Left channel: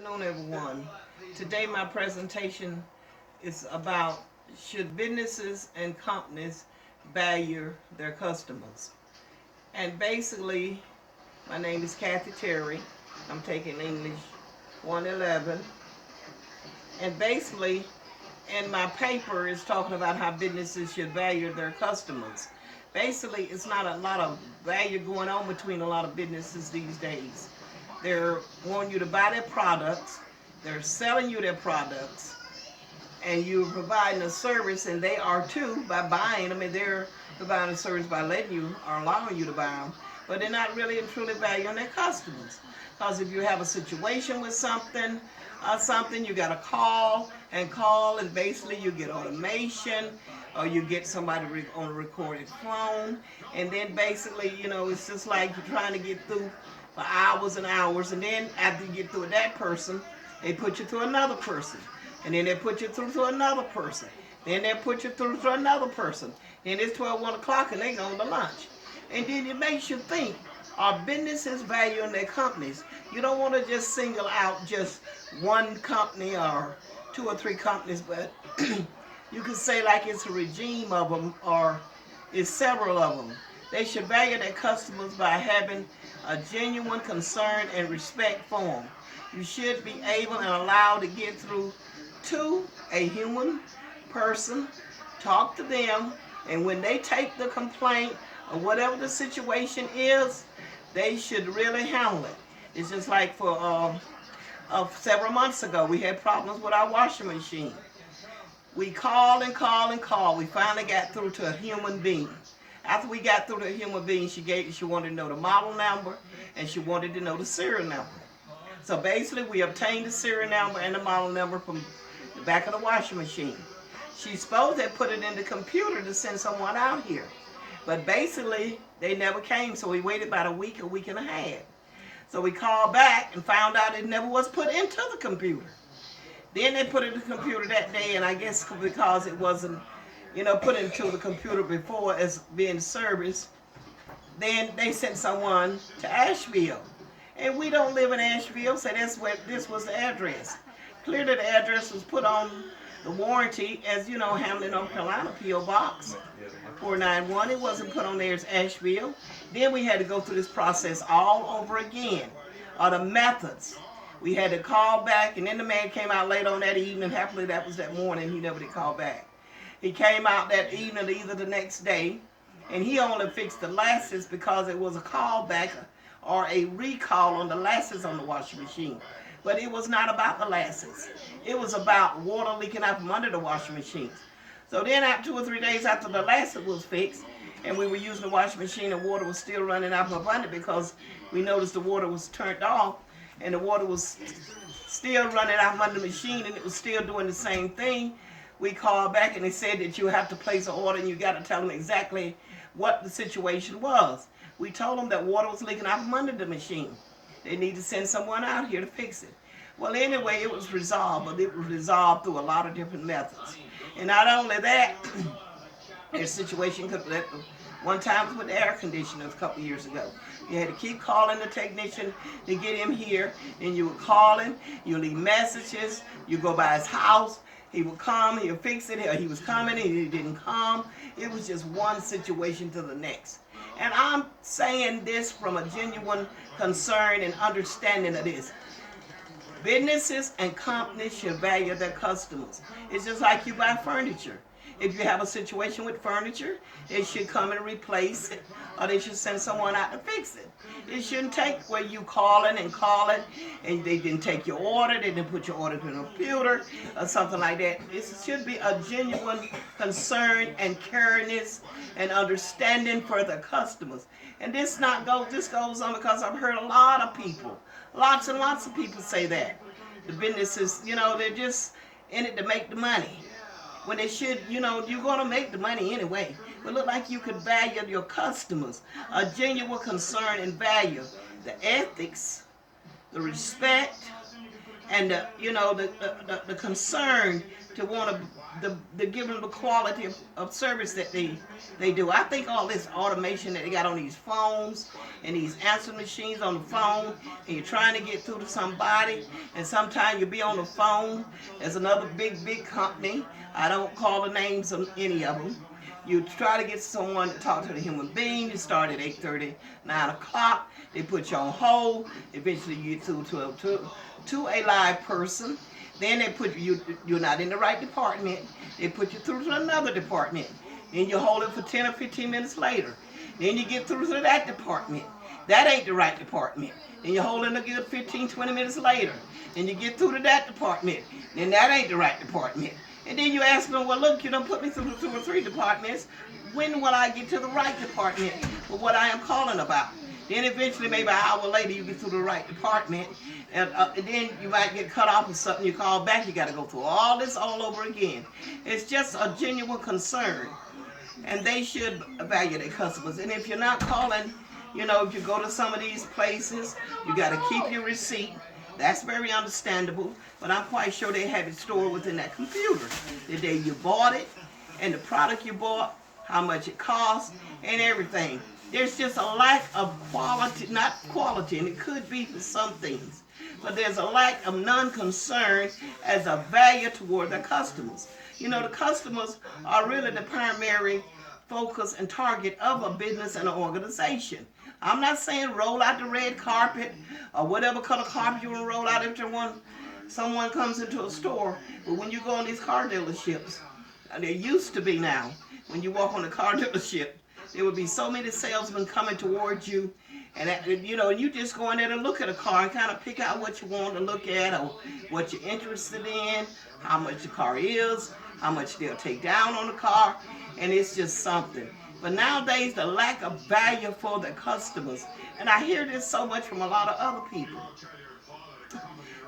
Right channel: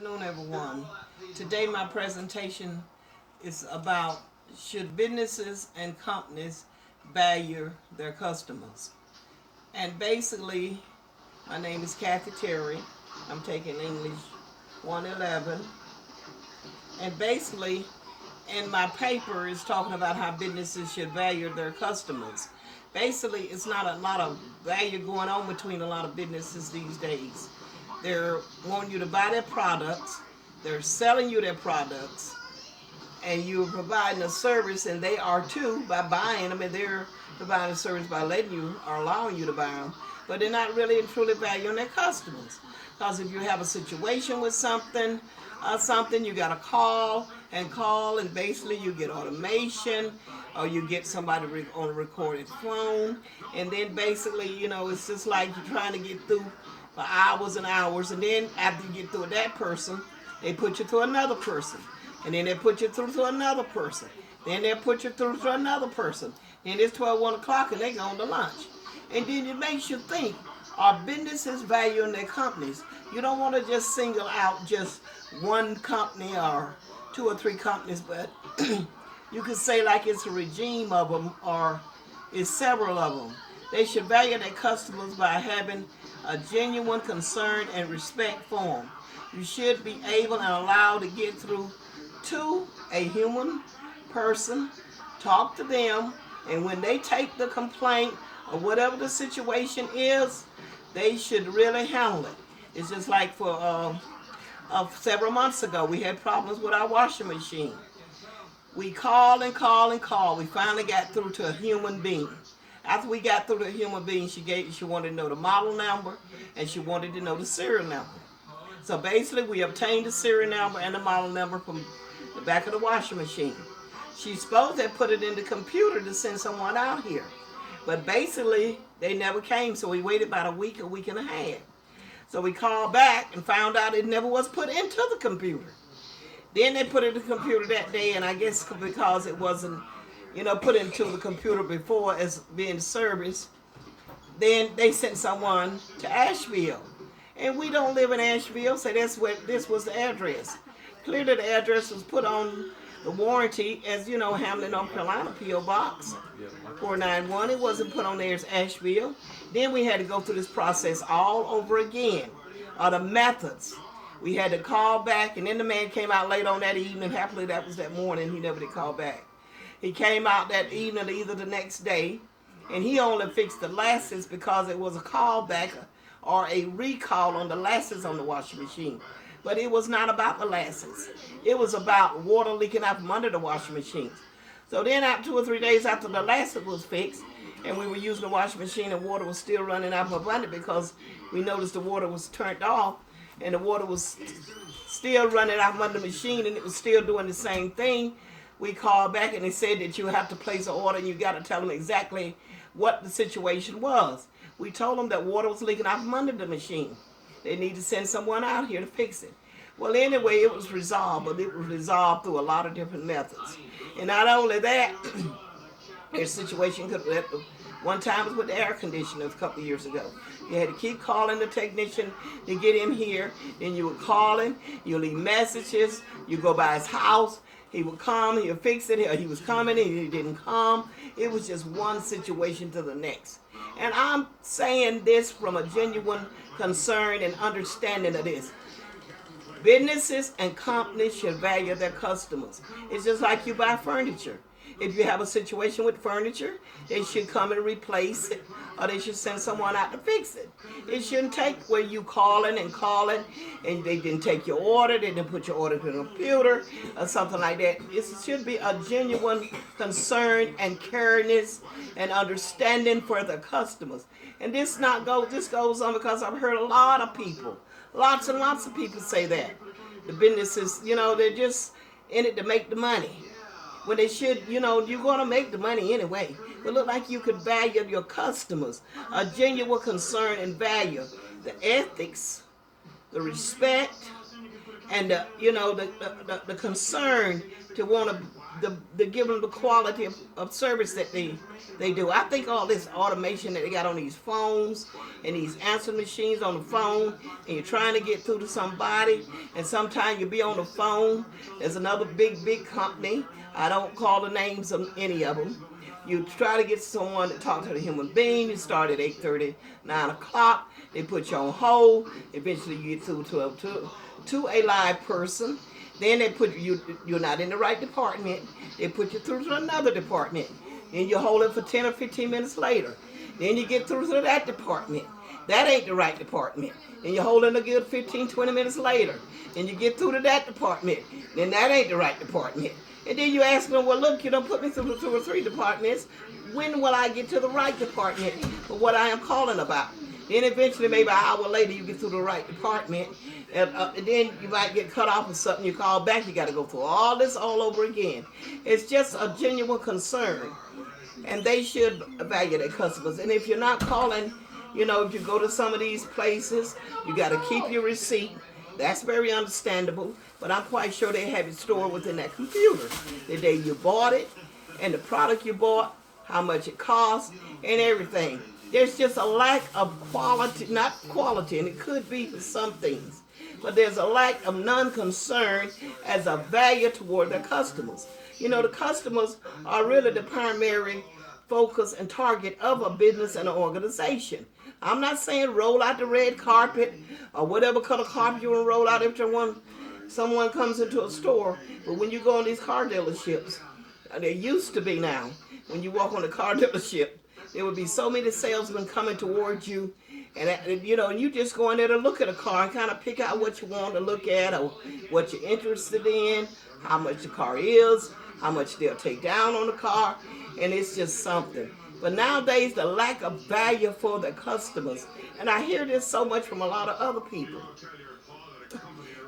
Afternoon, everyone. Today, my presentation is about should businesses and companies value their customers. And basically, my name is Kathy Terry. I'm taking English 111. And basically, in my paper is talking about how businesses should value their customers. Basically, it's not a lot of value going on between a lot of businesses these days. They're wanting you to buy their products, they're selling you their products, and you're providing a service, and they are too by buying them, and they're providing a service by letting you or allowing you to buy them. But they're not really and truly valuing their customers. Because if you have a situation with something, you got to call, and basically you get automation, or you get somebody on a recorded phone, and then basically, it's just like you're trying to get through for hours and hours, and then after you get through with that person, they put you through another person, and then they put you through to another person, then they put you through to another person, then it's 12, 1 o'clock, and they go to lunch. And then it makes you think, are businesses valuing their companies? You don't want to just single out just one company or two or three companies, but you could say like it's a regime of them or it's several of them. They should value their customers by having a genuine concern and respect for them. You should be able and allowed to get through to a human person, talk to them, and when they take the complaint or whatever the situation is, they should really handle it. It's just like for several months ago, we had problems with our washing machine. We called and called and called. We finally got through to a human being. After we got through to a human being, she wanted to know the model number and she wanted to know the serial number. So basically, we obtained the serial number and the model number from the back of the washing machine. She's supposed to have put it in the computer to send someone out here. But basically, they never came, so we waited about a week and a half. So we called back and found out it never was put into the computer. Then they put it in the computer that day, and I guess because it wasn't, put into the computer before as being serviced, then they sent someone to Asheville. And we don't live in Asheville, so that's where this was the address. Clearly the address was put on the warranty as, Hamlin, North Carolina, P.O. Box 491. It wasn't put on there as Asheville. Then we had to go through this process all over again. The methods. We had to call back, and then the man came out late on that evening. Happily, that was that morning. He never did call back. He came out that evening, either the next day, and he only fixed the lashes because it was a callback or a recall on the lashes on the washing machine. But it was not about the lashes. It was about water leaking out from under the washing machine. So then, after 2 or 3 days after the lashes was fixed, and we were using the washing machine, and water was still running out from under because we noticed the water was turned off, and the water was still running out from under the machine, and it was still doing the same thing. We called back, and they said that you have to place an order, and you got to tell them exactly what the situation was. We told them that water was leaking out from under the machine. They need to send someone out here to fix it. Well, anyway, it was resolved, but it was resolved through a lot of different methods. And not only that, their situation could have, one time was with the air conditioner a couple of years ago. You had to keep calling the technician to get him here. Then you would call him, you leave messages, you go by his house, he would come, he'll fix it, or he was coming and he didn't come. It was just one situation to the next. And I'm saying this from a genuine concern and understanding of this. Businesses and companies should value their customers. It's just like you buy furniture. If you have a situation with furniture, they should come and replace it, or they should send someone out to fix it. It shouldn't take where you calling, and they didn't take your order, they didn't put your order to the computer, or something like that. It should be a genuine concern and caringness and understanding for the customers. And this goes on because I've heard a lot of people, lots and lots of people say that. The businesses, they're just in it to make the money. When they should, you're going to make the money anyway. But look like you could value your customers, a genuine concern and value, the ethics, the respect, and the concern to want to the give them the quality of service that they do. I think all this automation that they got on these phones and these answer machines on the phone, and you're trying to get through to somebody, and sometimes you'll be on the phone. There's another big company. I don't call the names of any of them. You try to get someone to talk to the human being. You start at 8:30, 9 o'clock. They put you on hold. Eventually, you get to a live person. Then they put you're not in the right department. They put you through to another department. Then you hold it for 10 or 15 minutes later. Then you get through to that department. That ain't the right department. Then you hold it a good 15, 20 minutes later. Then you get through to that department. Then that ain't the right department. And then you ask them, well, look, you don't put me through the 2 or 3 departments. When will I get to the right department for what I am calling about? Then eventually, maybe an hour later, you get to the right department, and then you might get cut off or something. You call back, you got to go through all this all over again. It's just a genuine concern, and they should value their customers. And if you're not calling, if you go to some of these places, you got to keep your receipt. That's very understandable, but I'm quite sure they have it stored within that computer. The day you bought it, and the product you bought, how much it costs, and everything. There's just a lack of quality, not quality, and it could be for some things, but there's a lack of non-concern as a value toward their customers. The customers are really the primary focus and target of a business and an organization. I'm not saying roll out the red carpet or whatever color carpet you want to roll out if someone comes into a store, but when you go on these car dealerships, there used to be now, when you walk on a car dealership, there would be so many salesmen coming towards you, and you just go in there to look at a car and kind of pick out what you want to look at or what you're interested in, how much the car is, how much they'll take down on the car, and it's just something. But nowadays, the lack of value for the customers, and I hear this so much from a lot of other people.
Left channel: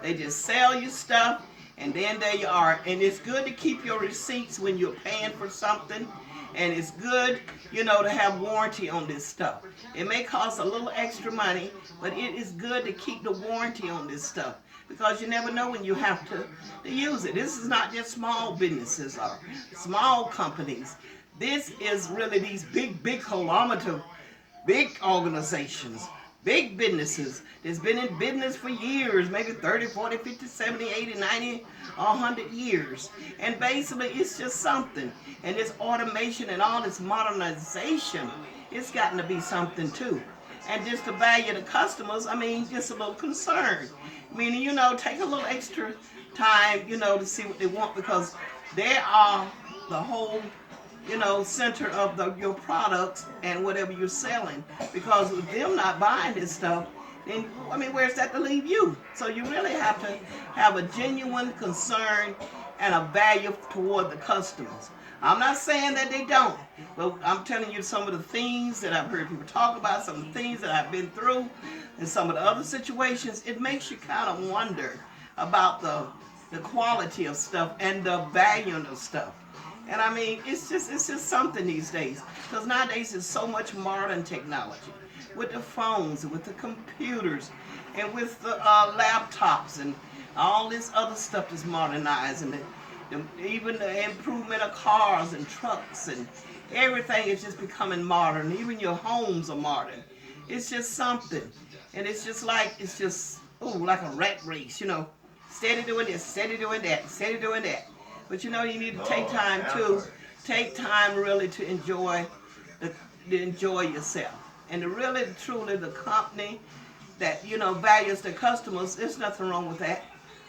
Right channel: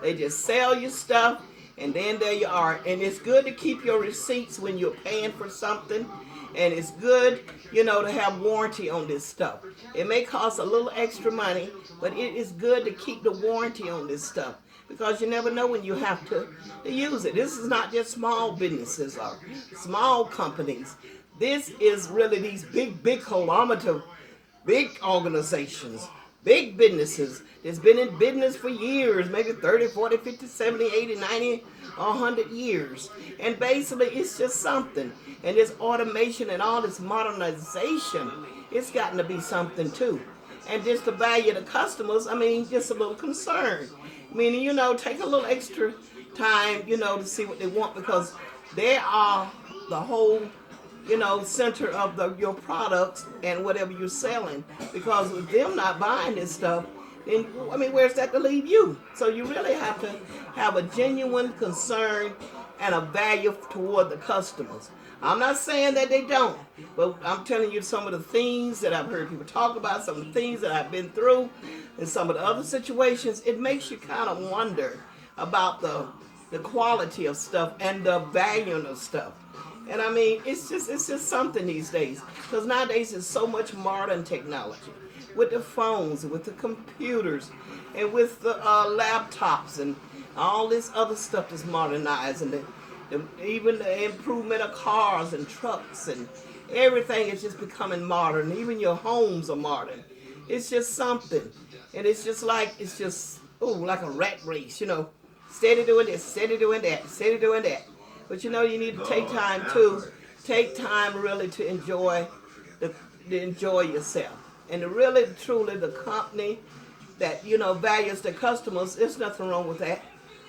They just sell you stuff, and then there you are. And it's good to keep your receipts when you're paying for something. And it's good, to have warranty on this stuff. It may cost a little extra money, but it is good to keep the warranty on this stuff because you never know when you have to use it. This is not just small businesses or small companies. This is really these big kilometer, big organizations, big businesses that's been in business for years, maybe 30, 40, 50, 70, 80, 90, 100 years. And basically, it's just something. And this automation and all this modernization, it's gotten to be something too. And just to value the customers, just a little concern. Meaning, take a little extra time, to see what they want because they are the whole center of your products and whatever you're selling. Because with them not buying this stuff, then where's that to leave you? So you really have to have a genuine concern and a value toward the customers. I'm not saying that they don't, but I'm telling you some of the things that I've heard people talk about, some of the things that I've been through, and some of the other situations. It makes you kind of wonder about the quality of stuff and the value of stuff. And it's just something these days. Because nowadays there's so much modern technology. With the phones, with the computers, and with the laptops, and all this other stuff that's modernized. And even the improvement of cars and trucks and everything is just becoming modern. Even your homes are modern. It's just something. And it's just like a rat race, Steady doing this, steady doing that, steady doing that. But you need to take time really to enjoy yourself. And really, truly, the company that, values the customers, there's nothing wrong with that.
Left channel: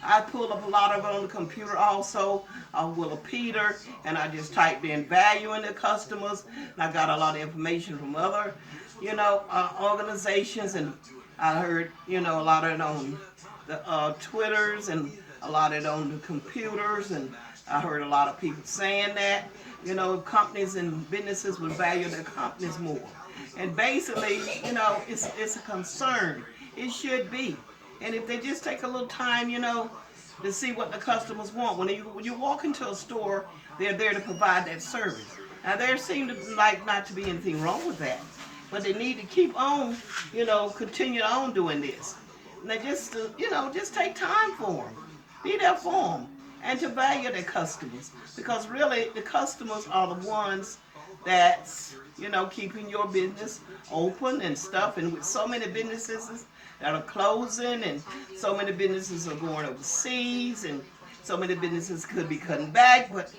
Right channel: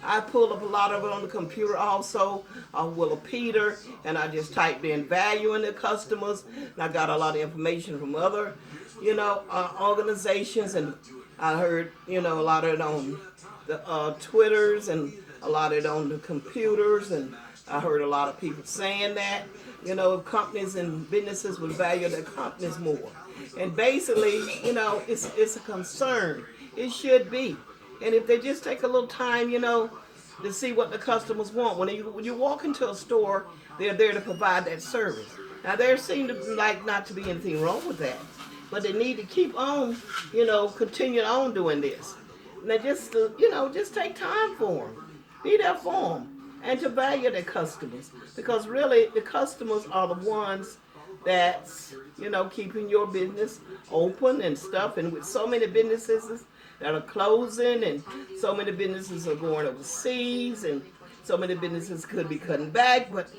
I pull up a lot of it on the computer also, Willa Peter, and I just typed in valuing the customers. And I got a lot of information from other, organizations, and I heard, a lot of it on the Twitters and a lot of it on the computers, and I heard a lot of people saying that, companies and businesses would value their companies more. And basically, it's a concern. It should be. And if they just take a little time, to see what the customers want. When you walk into a store, they're there to provide that service. Now, there seems like not to be anything wrong with that. But they need to keep on, continue on doing this. Now, just take time for them. Be there for them. and to value their customers, because really the customers are the ones that's, keeping your business open and stuff. And with so many businesses that are closing, and so many businesses are going overseas, and so many businesses could be cutting back, but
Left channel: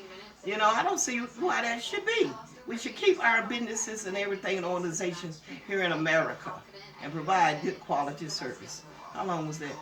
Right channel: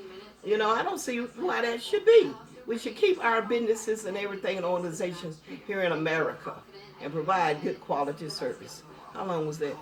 I don't see why that should be. We should keep our businesses and everything and organizations here in America and provide good quality service. How long was that?